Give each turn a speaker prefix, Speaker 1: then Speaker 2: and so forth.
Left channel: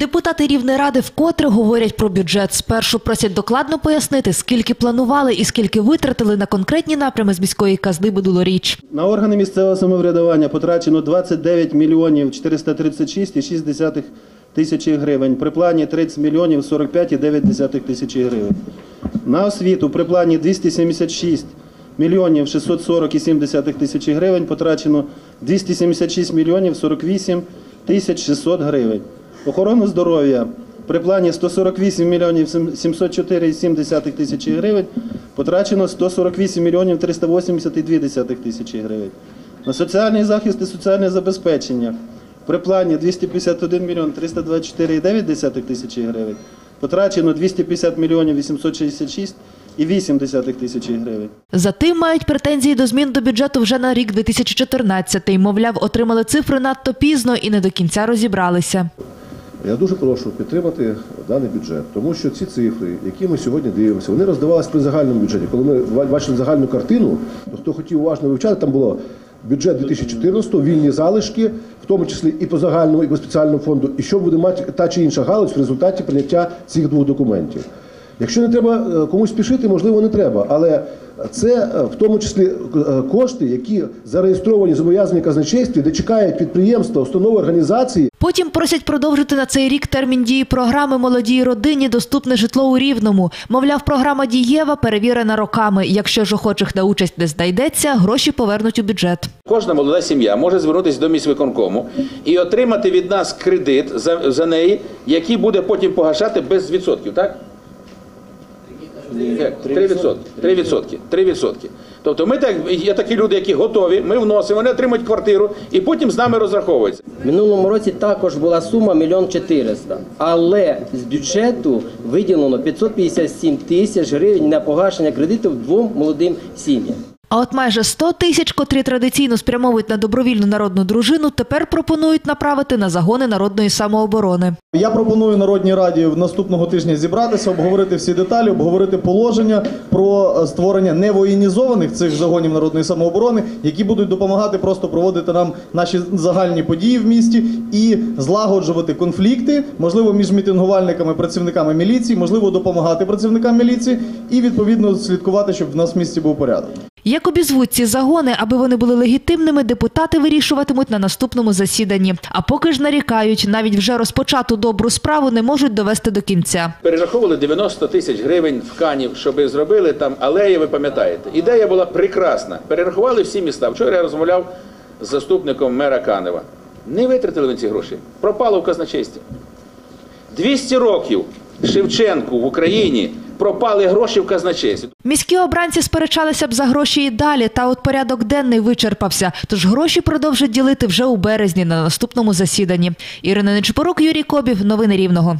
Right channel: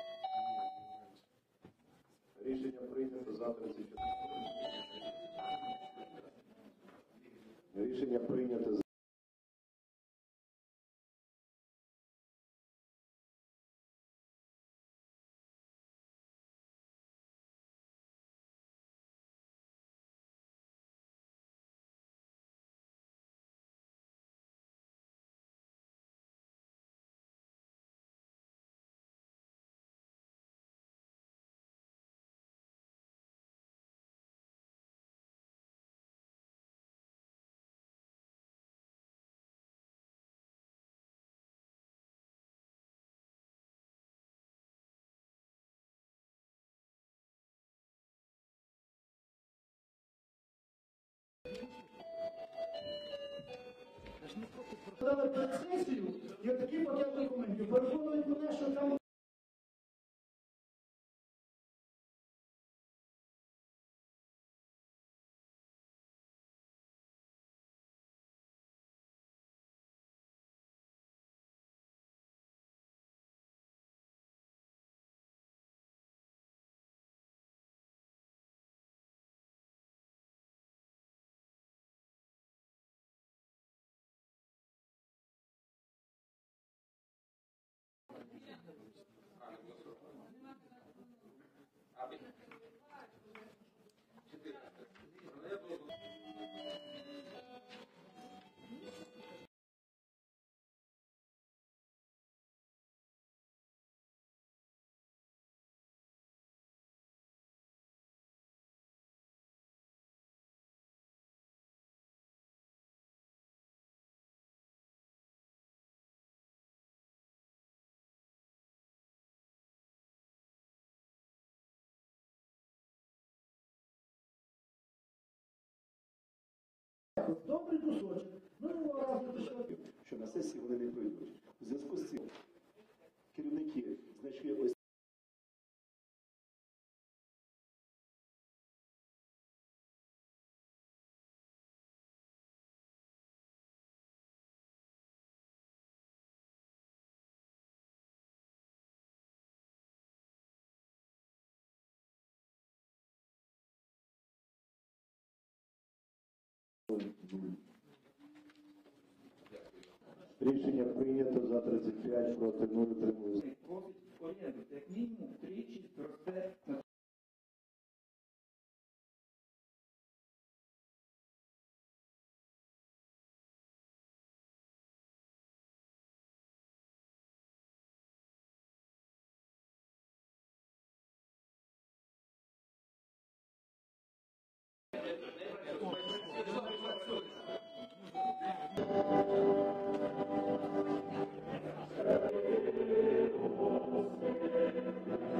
Speaker 1: Депутати Рівнеради вкотре говорять про бюджет. Спершу просять докладно пояснити, скільки планували і скільки витратили на конкретні напрями з міської казни минулоріч.
Speaker 2: На органи місцевого самоврядування потрачено 29 мільйонів 436,6 тисячі гривень. При плані 30 мільйонів 45,9 тисячі гривень. На освіту при плані 276 мільйонів 640,7 тисячі гривень потрачено 276 мільйонів 48 тисяч 600 гривень. Охорону здоров'я при плані 148 мільйонів 704,7 тисячі гривень потрачено 148 мільйонів 382 тисячі гривень. На соціальний захист і соціальне забезпечення при плані 251 мільйон 324,9 тисячі гривень потрачено 250 мільйонів 866 і 8 тисячі гривень.
Speaker 1: Затим мають претензії до змін до бюджету вже на рік 2014. Мовляв, отримали цифри надто пізно і не до кінця розібралися.
Speaker 3: Я дуже прошу підтримати даний бюджет, тому що ці цифри, які ми сьогодні дивимося, вони роздавалися при загальному бюджеті. Коли ми бачили загальну картину, то хто хотів уважно вивчати, там було бюджет 2014, вільні залишки, в тому числі і по загальному, і по спеціальному фонду, і що буде мати та чи інша галузь в результаті прийняття цих двох документів. Якщо не треба е, комусь спішити, можливо, не треба, але це е, в тому числі е, кошти, які зареєстровані зобов'язані казначействі, де чекають підприємства, установи, організації,
Speaker 1: Потім просять продовжити на цей рік термін дії програми молодій родині доступне житло у Рівному. Мовляв, програма дієва перевірена роками. Якщо ж охочих на участь не знайдеться, гроші повернуть у бюджет.
Speaker 4: Кожна молода сім'я може звернутися до міськвиконкому і отримати від нас кредит за, за неї, який буде потім погашати без відсотків, так? Як? 3%. 3%. 3%. Тобто ми так, є такі люди, які готові, ми вносимо, вони отримують квартиру і потім з нами розраховуються.
Speaker 5: Минулому році також була сума 1 мільйон 400, але з бюджету виділено 557 тисяч гривень на погашення кредитів двом молодим сім'ям.
Speaker 1: А от майже 100 тисяч, котрі традиційно спрямовують на добровільну народну дружину, тепер пропонують направити на загони народної самооборони.
Speaker 6: Я пропоную Народній Раді в наступного тижня зібратися, обговорити всі деталі, обговорити положення про е, створення невоєнізованих цих загонів народної самооборони, які будуть допомагати просто проводити нам наші загальні події в місті і злагоджувати конфлікти, можливо, між мітингувальниками, працівниками міліції, можливо, допомагати працівникам міліції і відповідно слідкувати, щоб в нас в місті був порядок.
Speaker 1: Як обізвуть ці загони, аби вони були легітимними, депутати вирішуватимуть на наступному засіданні. А поки ж нарікають, навіть вже розпочату добру справу не можуть довести до кінця.
Speaker 4: Перераховували 90 тисяч гривень в Канів, щоб зробили там алеї, ви пам'ятаєте. Ідея була прекрасна. Перерахували всі міста. Вчора я розмовляв з заступником мера Канева. Не витратили вони ці гроші. Пропало в казначействі. 200 років Шевченку в Україні пропали гроші в казначействі.
Speaker 1: Міські обранці сперечалися б за гроші і далі, та от порядок денний вичерпався. Тож гроші продовжать ділити вже у березні на наступному засіданні. Ірина Нечпорук, Юрій Кобів. Новини Рівного.